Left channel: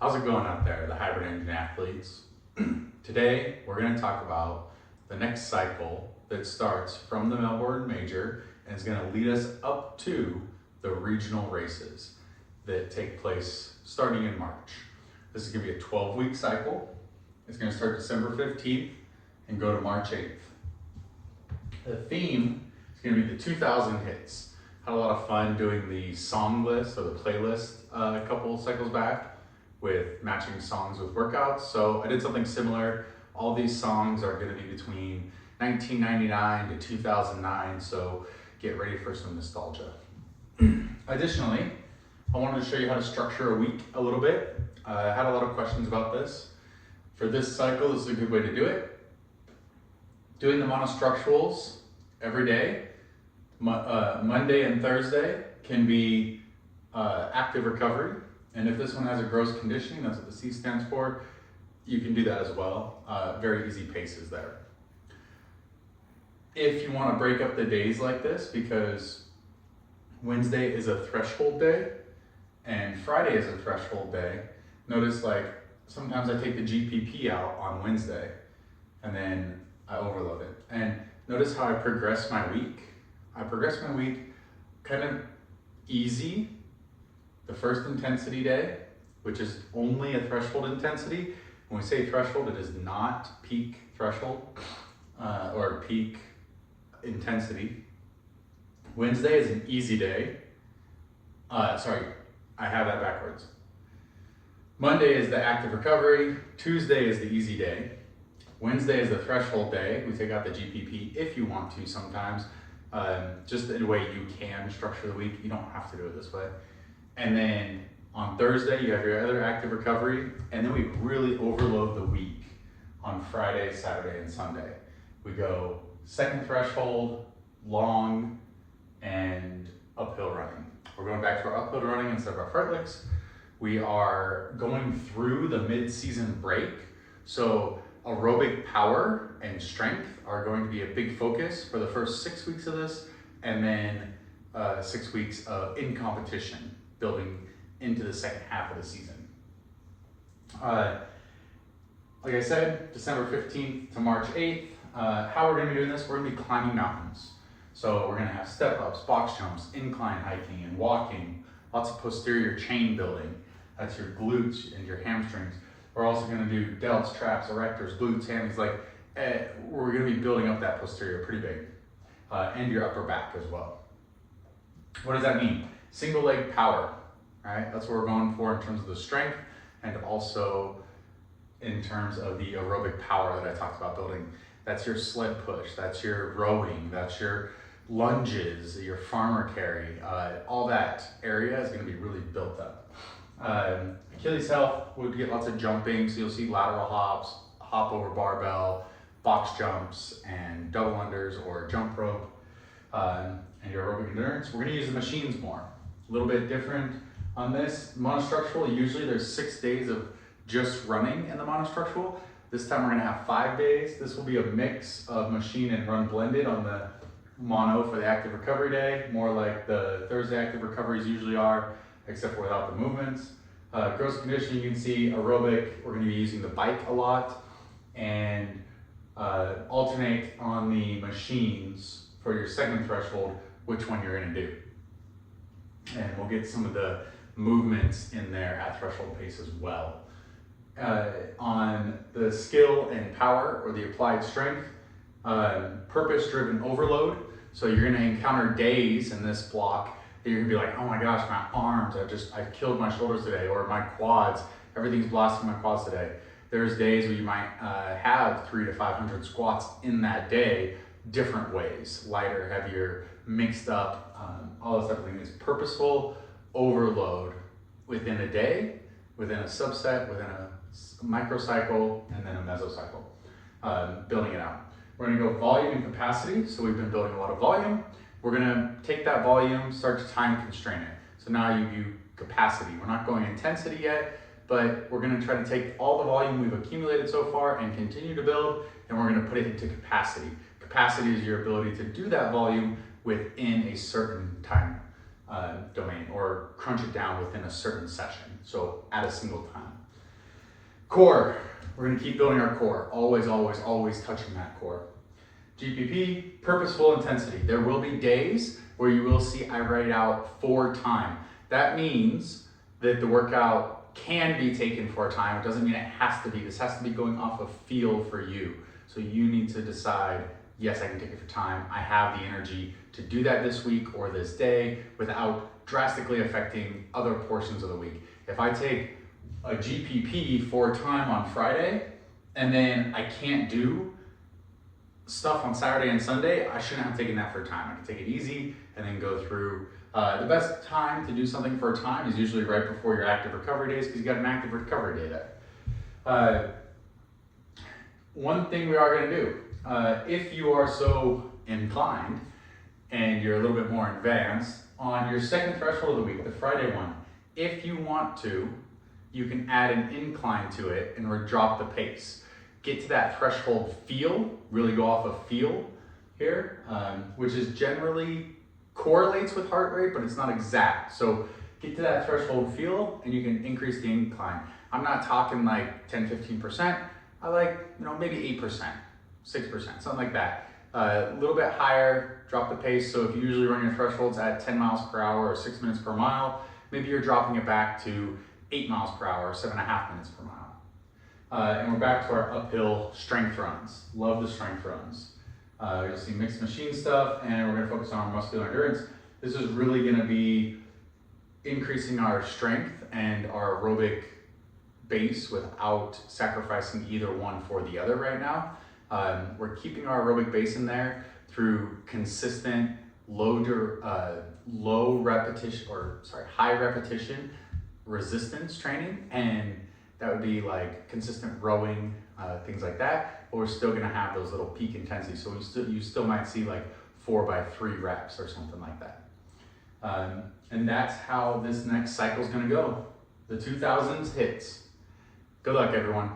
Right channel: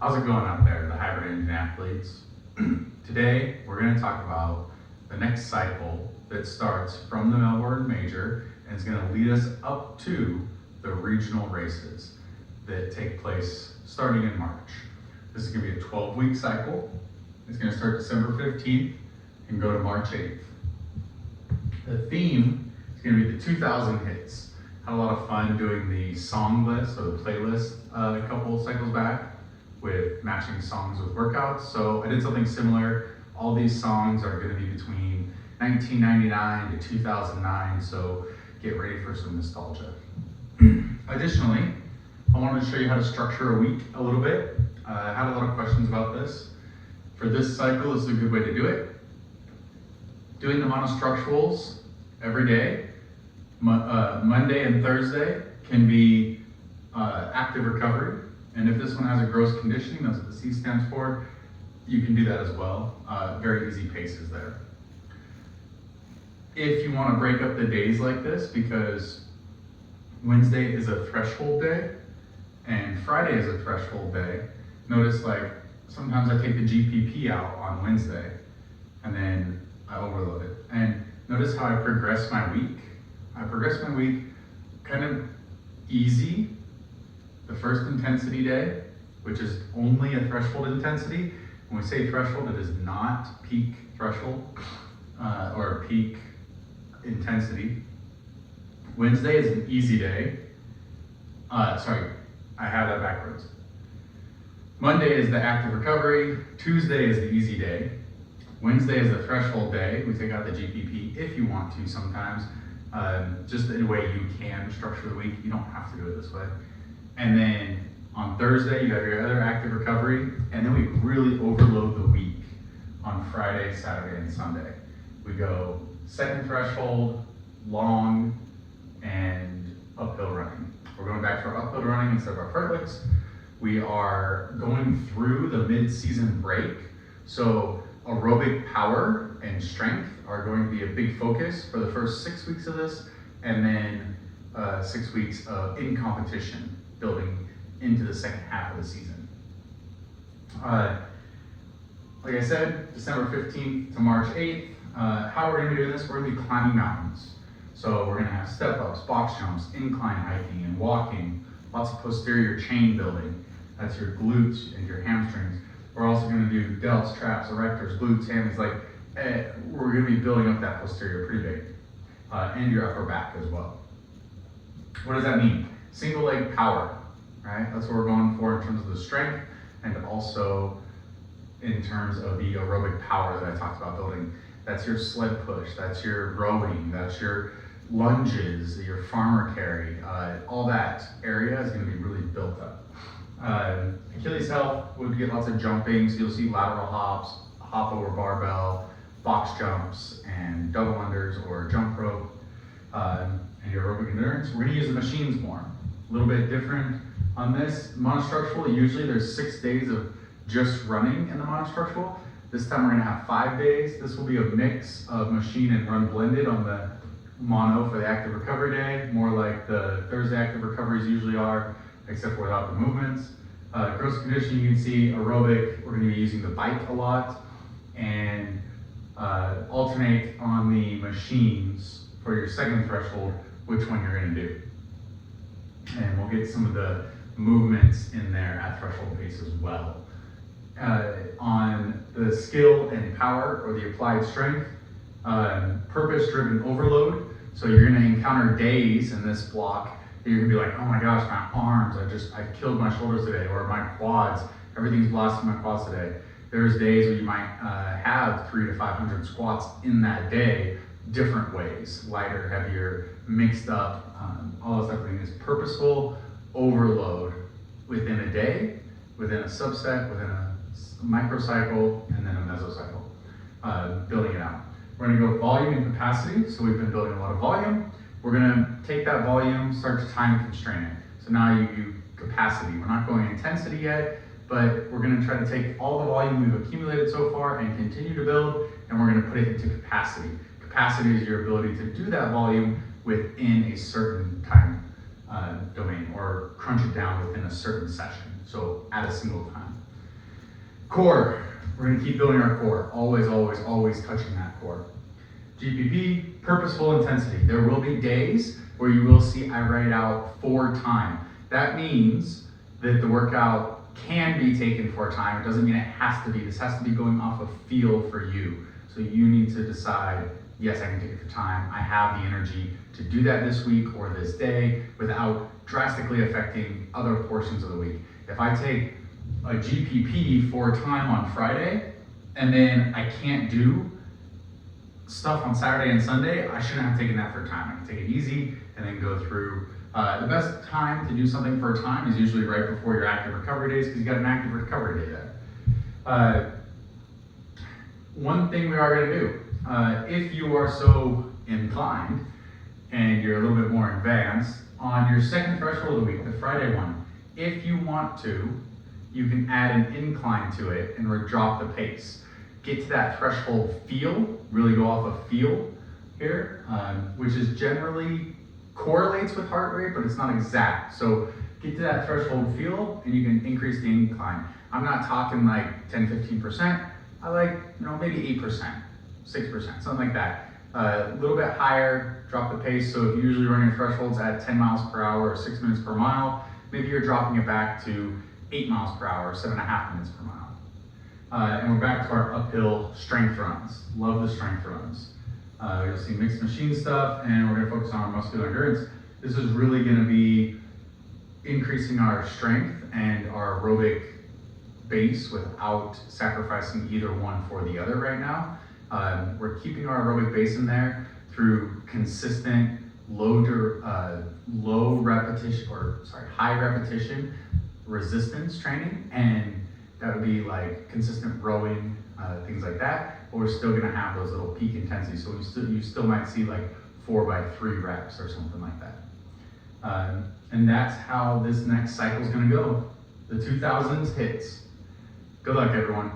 How's it going out there, the hybrid engine athletes? Today, we're going to talk about the next cycle that starts from the Melbourne Major and is going to lead us up to the regional races that take place starting in March. This is going to be a 12-week cycle. It's going to start December 15th and go to March 8th. The theme is going to be the 2000 hits. Had a lot of fun doing the song list or the playlist a couple cycles back with matching songs with workouts. So I did something similar. All these songs are going to be between 1999 to 2009, so get ready for some nostalgia. Additionally, I wanted to show you how to structure a week a little bit. I had a lot of questions about this. For this cycle, this is a good way to do it. Doing the monostructurals every day, Monday and Thursday can be active recovery. And if this one has a gross conditioning, that's what the C stands for, you can do that as well. Very easy paces there. If you want to break up the days like this, because Wednesday is a threshold day and Friday is a threshold day, notice like sometimes I take the GPP out on Wednesday and then I overload it. And notice how I progress my week. I progress my week kind of easy. The first intensity day, which is only a threshold intensity. When we say threshold, it is not peak threshold or peak intensity. Wednesday is an easy day. Sorry, I have that backwards. Monday is the active recovery. Tuesday is the easy day. Wednesday is the threshold day. We take out the GPP if you want to sometimes. Just in a way you can structure the week. You don't have to do it this way. And then on Thursday, you have your other active recovery. And then we really overload the week on Friday, Saturday, and Sunday. We go second threshold, long, and uphill running. We're going back to our uphill running instead of our fartleks. We are going through the mid-season break. So aerobic power and strength are going to be a big focus for the first 6 weeks of this, and then 6 weeks of in competition, building into the second half of the season. Like I said, December 15th to March 8th. How we're going to be doing this, we're going to be climbing mountains. So we're going to have step ups, box jumps, incline hiking and walking, lots of posterior chain building. That's your glutes and your hamstrings. We're also going to do delts, traps, erectors, glutes, hammies. We're going to be building up that posterior pretty big, and your upper back as well. What does that mean? Single leg power, right? That's what we're going for in terms of the strength and also in terms of the aerobic power that I talked about building. That's your sled push, that's your rowing, that's your lunges, your farmer carry. All that area is going to be really built up. Achilles health, we'll get lots of jumping, so you'll see lateral hops, hop over barbell, box jumps, and double unders or jump rope. And your aerobic endurance, we're going to use the machines more. A little bit different on this. Monostructural, usually there's 6 days of just running in the monostructural. This time we're going to have 5 days. This will be a mix of machine and run blended on the mono for the active recovery day, more like the Thursday active recoveries usually are, except for without the movements. Gross conditioning, you can see aerobic, we're going to be using the bike a lot, and alternate on the machines for your second threshold, which one you're going to do. And we'll get some of the movements in there at threshold pace as well. On the skill and power or the applied strength, purpose-driven overload. So you're going to encounter days in this block that you're going to be like, oh my gosh, my arms, I killed my shoulders today, or my quads, everything's blasting my quads today. There's days where you might have 300 to 500 squats in that day, different ways, lighter, heavier, mixed up. All this everything is purposeful overload within a day, within a subset, within a microcycle, and then a meso-cycle, building it out. We're going to go volume and capacity. So we've been building a lot of volume. We're going to take that volume, start to time constrain it. So now you do capacity. We're not going intensity yet, but we're going to try to take all the volume we've accumulated so far and continue to build, and we're going to put it into capacity. Capacity is your ability to do that volume within a certain time domain, or crunch it down within a certain session, so at a single time. Core, we're gonna keep building our core. Always, always, always touching that core. GPP, purposeful intensity. There will be days where you will see I write out for time. That means that the workout can be taken for a time. It doesn't mean it has to be. This has to be going off of feel for you. So you need to decide, yes, I can take it for time. I have the energy to do that this week or this day without drastically affecting other portions of the week. If I take a GPP for time on Friday and then I can't do stuff on Saturday and Sunday, I shouldn't have taken that for time. I can take it easy and then go through. The best time to do something for a time is usually right before your active recovery days because you got an active recovery day there. One thing we are going to do, if you are so inclined and you're a little bit more advanced, on your second threshold of the week, the Friday one, if you want to, you can add an incline to it and drop the pace. Get to that threshold feel, really go off of feel here, which is generally correlates with heart rate, but it's not exact. So get to that threshold feel and you can increase the incline. I'm not talking like 10, 15%. I like, maybe 8%, 6%, something like that. A little bit higher, drop the pace. So if you usually run your thresholds at 10 miles per hour or 6 minutes per mile, maybe you're dropping it back to 8 miles per hour, 7.5 minutes per mile. And we're back to our uphill strength runs. Love the strength runs. You'll see mixed machine stuff, and we're gonna focus on our muscular endurance. This is really gonna be increasing our strength and our aerobic base without sacrificing either one for the other right now. We're keeping our aerobic base in there through consistent high repetition resistance training, and that would be like consistent rowing, things like that. But we're still gonna have those little peak intensities. So you still might see like 4x3 reps or something like that. And that's how this next cycle is gonna go. The 2000's hits. Good luck, everyone.